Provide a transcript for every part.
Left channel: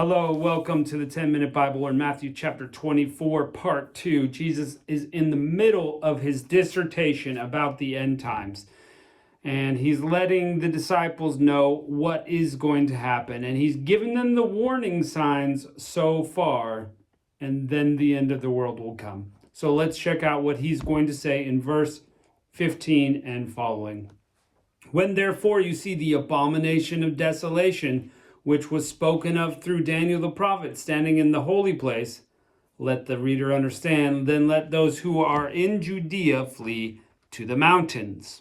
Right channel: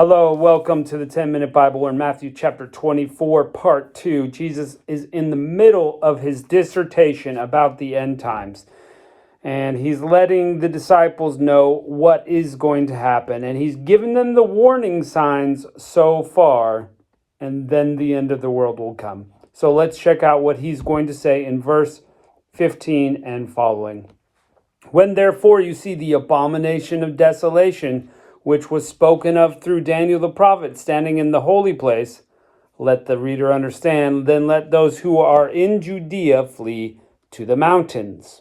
Hello, welcome to the 10-Minute Bible. We're in Matthew chapter 24, part 2. Jesus is in the middle of his dissertation about the end times. And he's letting the disciples know what is going to happen. And he's given them the warning signs so far. And then the end of the world will come. So let's check out what he's going to say in verse 15 and following. When therefore you see the abomination of desolation, which was spoken of through Daniel the prophet, standing in the holy place, let the reader understand, then let those who are in Judea flee to the mountains.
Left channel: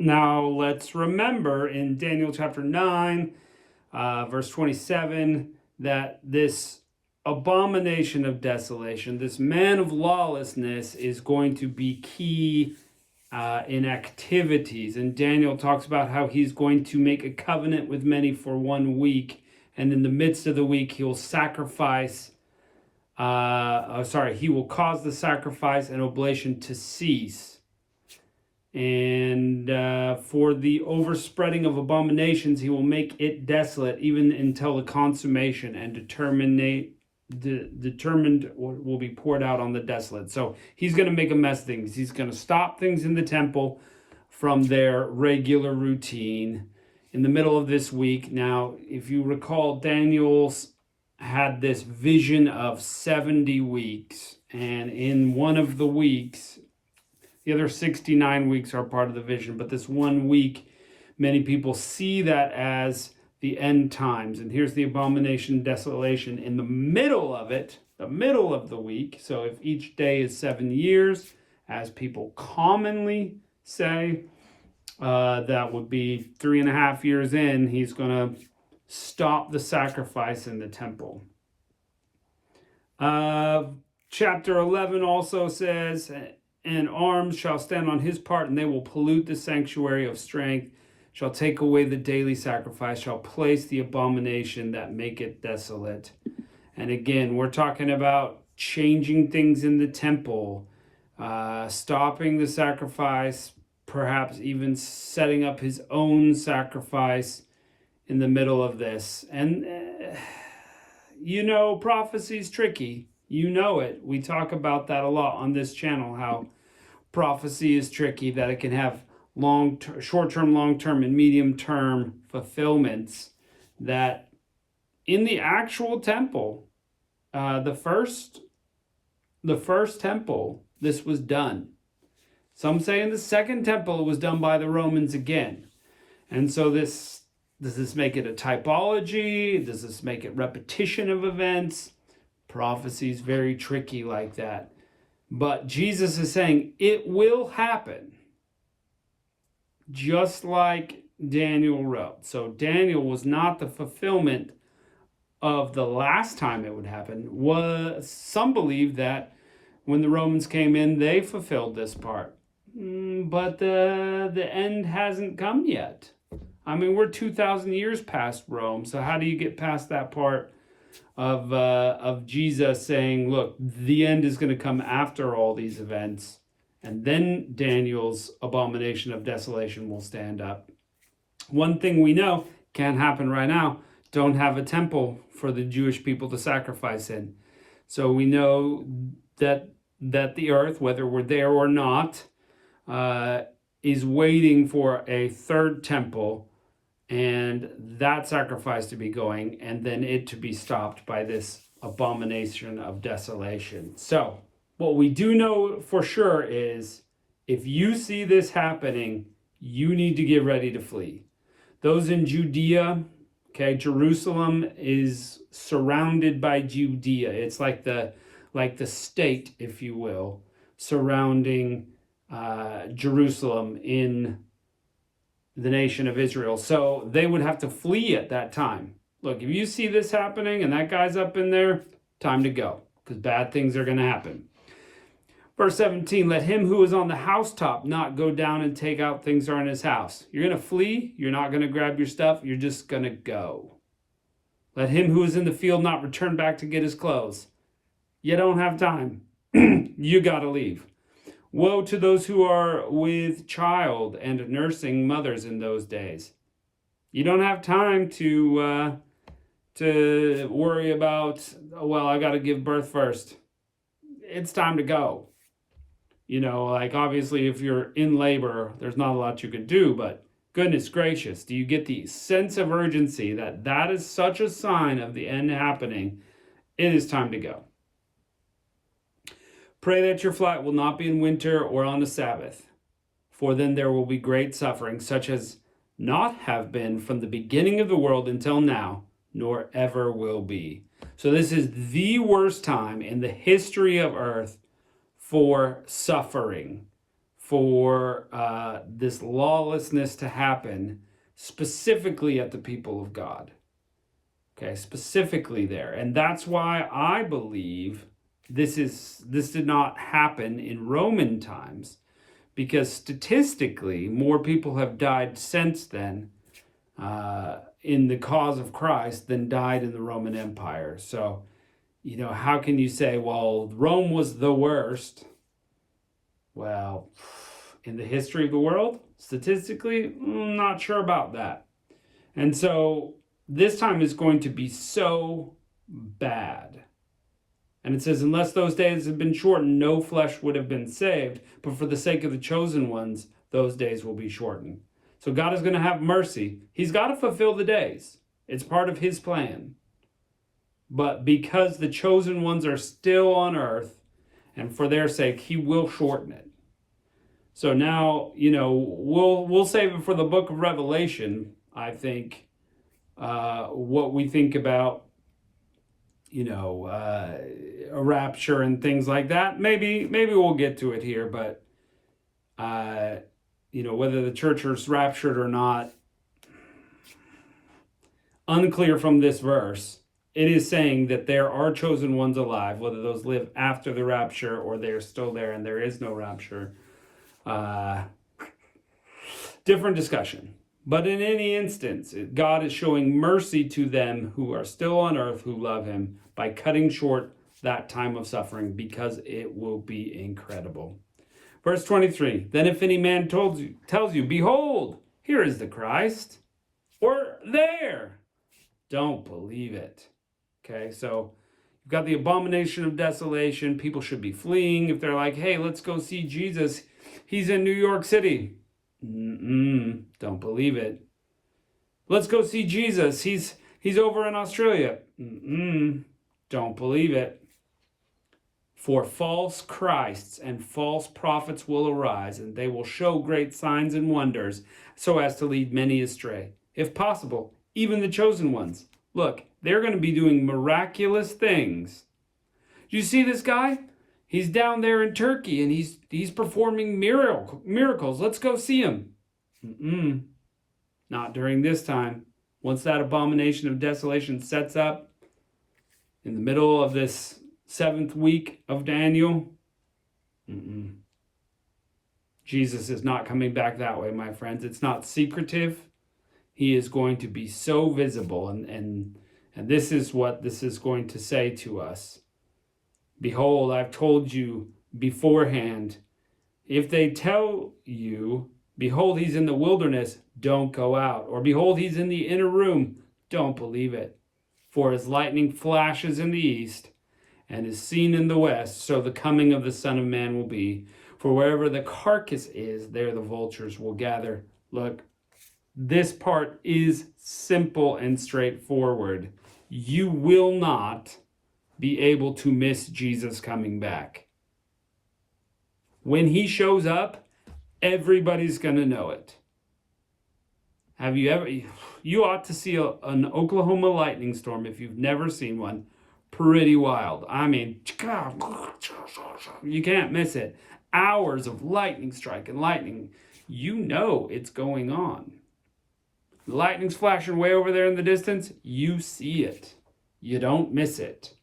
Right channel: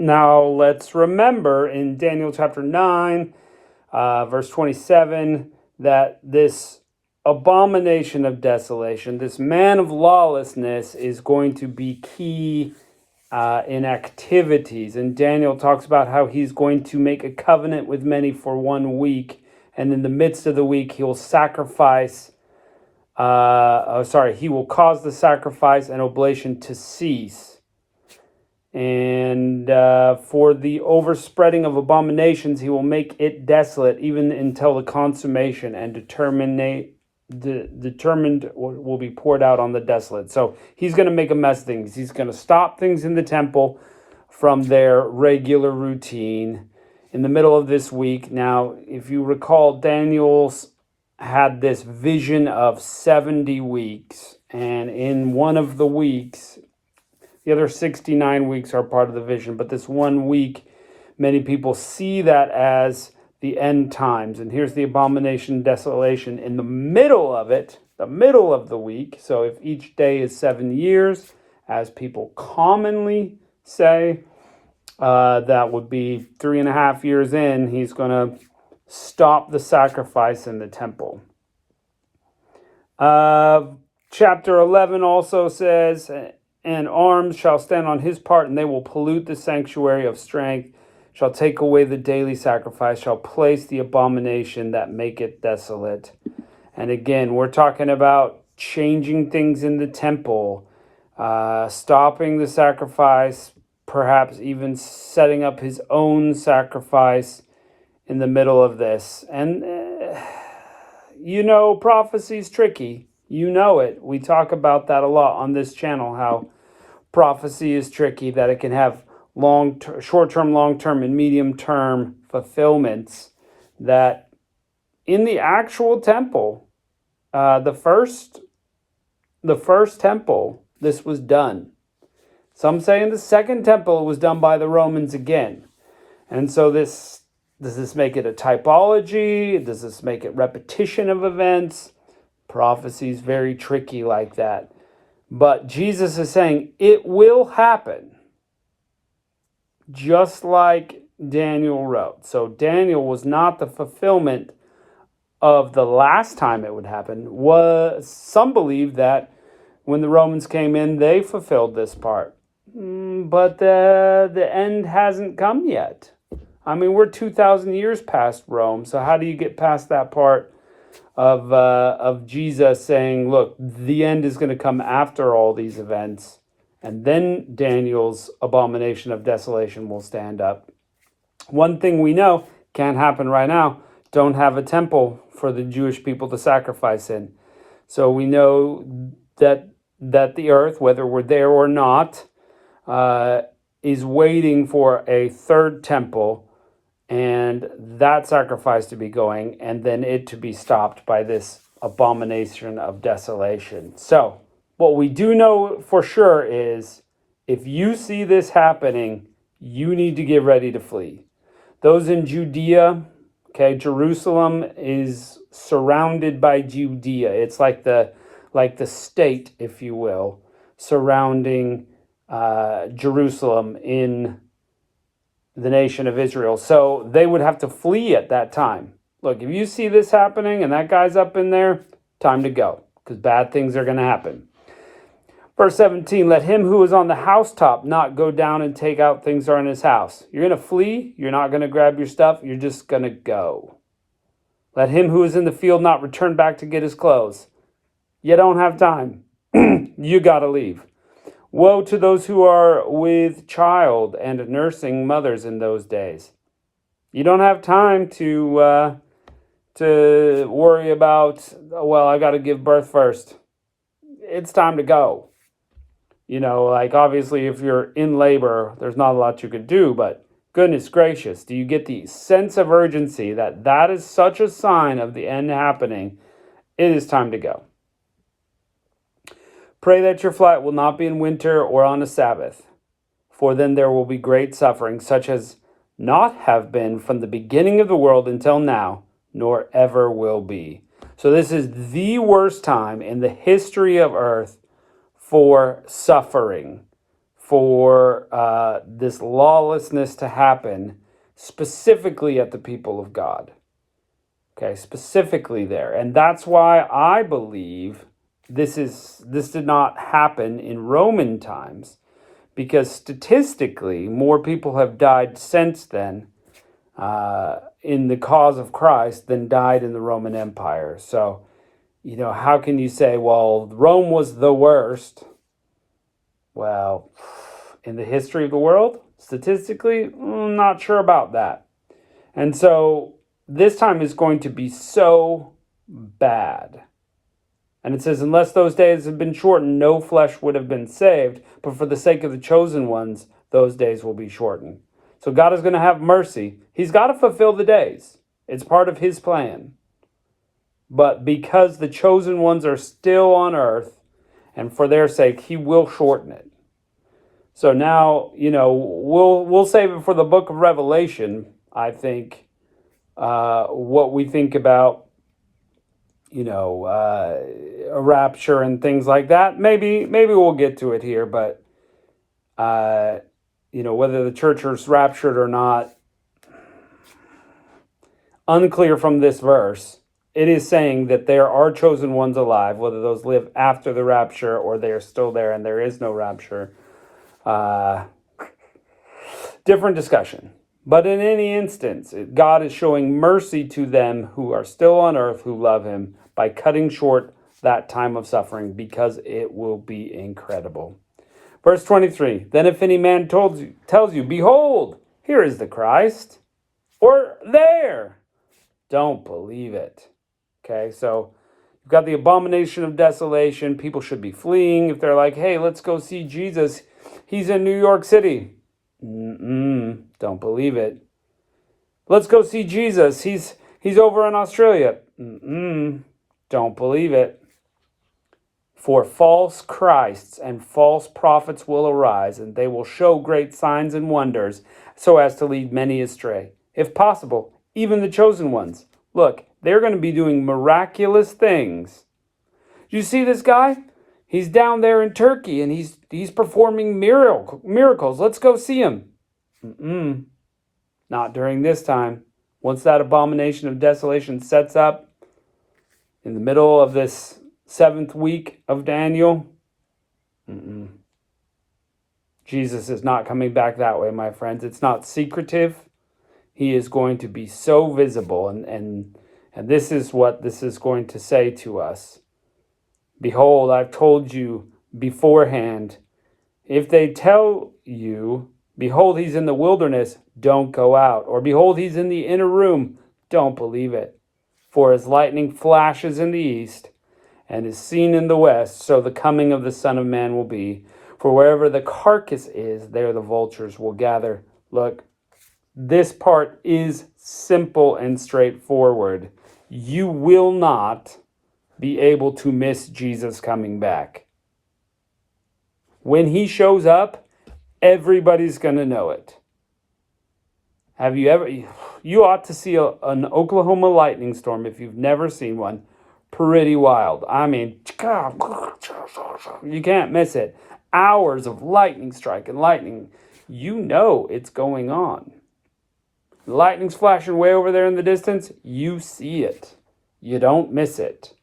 Now let's remember in Daniel chapter 9, verse 27, that this abomination of desolation, this man of lawlessness, is going to be key in activities. And Daniel talks about how he's going to make a covenant with many for 1 week. And in the midst of the week, he will sacrifice, he will cause the sacrifice and oblation to cease. And for the overspreading of abominations, he will make it desolate even until the consummation, and determined will be poured out on the desolate. So he's going to make a mess of things. He's going to stop things in the temple from their regular routine in the middle of this week. Now, if you recall, Daniel's had this vision of 70 weeks. And in one of the weeks, the other 69 weeks are part of the vision, but this 1 week, many people see that as the end times. And here's the abomination, desolation in the middle of it, the middle of the week. So if each day is 7 years, as people commonly say, that would be 3.5 years in, he's going to stop the sacrifice in the temple. Chapter 11 also says, and arms shall stand on his part, and they will pollute the sanctuary of strength, shall take away the daily sacrifice, shall place the abomination that make it desolate. And again, we're talking about changing things in the temple, stopping the sacrifice, perhaps even setting up his own sacrifice in the middle of this. And, prophecy's tricky. You know it. We talk about that a lot on this channel, how prophecy is tricky, that it can have short-term, long-term, and medium-term fulfillments. That in the actual temple, the first temple, this was done. Some say in the second temple it was done by the Romans again. And so does this make it a typology? Does this make it repetition of events? Prophecy is very tricky like that. But Jesus is saying it will happen, just like Daniel wrote. So Daniel was not the fulfillment of the last time it would happen. Some believe that when the Romans came in, they fulfilled this part. But the end hasn't come yet. I mean, we're 2,000 years past Rome. So how do you get past that part of Jesus saying, look, the end is going to come after all these events, and then Daniel's abomination of desolation will stand up. One thing we know can't happen right now: don't have a temple for the Jewish people to sacrifice in. So we know that the earth, whether we're there or not, is waiting for a third temple, and that sacrifice to be going, and then it to be stopped by this abomination of desolation. So what we do know for sure is, if you see this happening, you need to get ready to flee. Those in Judea, Jerusalem is surrounded by Judea. It's like the state, if you will, surrounding Jerusalem in the nation of Israel. So they would have to flee at that time. Look, if you see this happening and that guy's up in there, time to go, because bad things are going to happen. Verse 17, let him who is on the housetop not go down and take out things that are in his house. You're going to flee. You're not going to grab your stuff. You're just going to go. Let him who is in the field not return back to get his clothes. You don't have time. You got to leave. Woe to those who are with child and nursing mothers in those days. You don't have time to to worry about, well, I got to give birth first. It's time to go. Like obviously if you're in labor, there's not a lot you can do, but goodness gracious, do you get the sense of urgency that that is such a sign of the end happening? It is time to go. Pray that your flight will not be in winter or on a Sabbath, for then there will be great suffering, such as not have been from the beginning of the world until now, nor ever will be. So this is the worst time in the history of earth for suffering, for this lawlessness to happen, specifically at the people of God. Okay, specifically there. And that's why I believe this did not happen in Roman times, because statistically more people have died since then in the cause of Christ than died in the Roman Empire. So how can you say, well, Rome was the worst? Well, in the history of the world, statistically, not sure about that. And so this time is going to be so bad. And it says, unless those days had been shortened, no flesh would have been saved. But for the sake of the chosen ones, those days will be shortened. So God is going to have mercy. He's got to fulfill the days. It's part of his plan. But because the chosen ones are still on earth, and for their sake, he will shorten it. So now, we'll save it for the book of Revelation, I think, what we think about, a rapture and things like that. Maybe we'll get to it here, but, whether the church is raptured or not, unclear from this verse. It is saying that there are chosen ones alive, whether those live after the rapture or they are still there and there is no rapture. Different discussion. But in any instance, God is showing mercy to them who are still on earth, who love him, by cutting short that time of suffering, because it will be incredible. Verse 23, then if any man tells you, behold, here is the Christ, or there, don't believe it. Okay, so you've got the abomination of desolation. People should be fleeing. If they're like, hey, let's go see Jesus, he's in New York City. Don't believe it. Let's go see Jesus, he's over in Australia. Don't believe it. For false Christs and false prophets will arise, and they will show great signs and wonders, so as to lead many astray. If possible, even the chosen ones. Look, they're going to be doing miraculous things. You see this guy? He's down there in Turkey, and he's performing miracles. Let's go see him. Not during this time. Once that abomination of desolation sets up in the middle of this 7th week of Daniel, Jesus is not coming back that way, my friends. It's not secretive. He is going to be so visible, and this is what this is going to say to us. Behold, I've told you beforehand. If they tell you, behold, he's in the wilderness, don't go out. Or behold, he's in the inner room, don't believe it. For as lightning flashes in the east and is seen in the west, so the coming of the Son of Man will be. For wherever the carcass is, there the vultures will gather. Look, this part is simple and straightforward. You will not be able to miss Jesus coming back. When he shows up, everybody's going to know it. Have you ever? You ought to see an Oklahoma lightning storm if you've never seen one. Pretty wild. I mean, you can't miss it. Hours of lightning strike and lightning. You know it's going on. The lightning's flashing way over there in the distance. You see it. You don't miss it.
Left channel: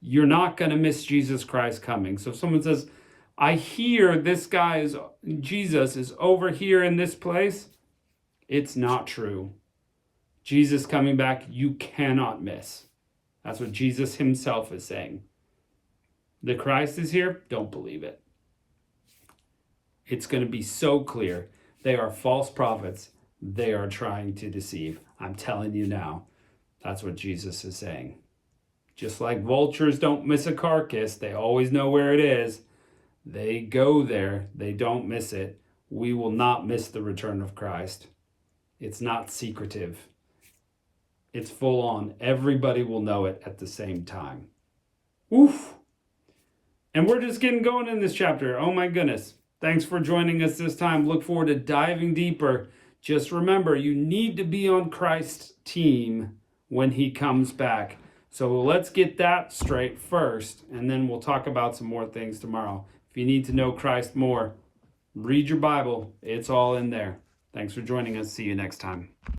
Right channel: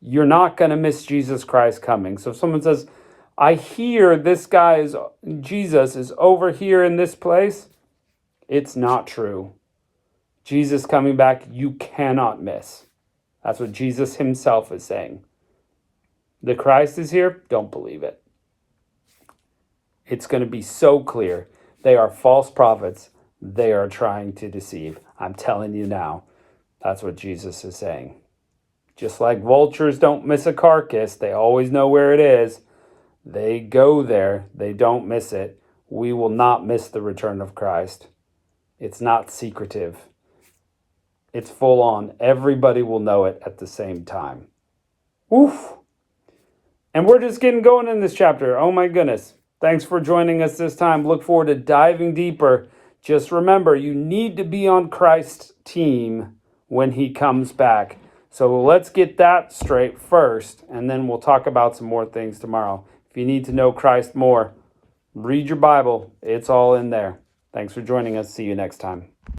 You're not going to miss Jesus Christ coming. So if someone says, I hear this guy Jesus is over here in this place, it's not true. Jesus coming back, you cannot miss. That's what Jesus himself is saying. The Christ is here, don't believe it. It's going to be so clear. They are false prophets. They are trying to deceive. I'm telling you now. That's what Jesus is saying. Just like vultures don't miss a carcass, they always know where it is. They go there, they don't miss it. We will not miss the return of Christ. It's not secretive. It's full on. Everybody will know it at the same time. Oof. And we're just getting going in this chapter. Oh my goodness. Thanks for joining us this time. Look forward to diving deeper. Just remember, you need to be on Christ's team when he comes back. So let's get that straight first, and then we'll talk about some more things tomorrow. If you need to know Christ more, read your Bible. It's all in there. Thanks for joining us. See you next time.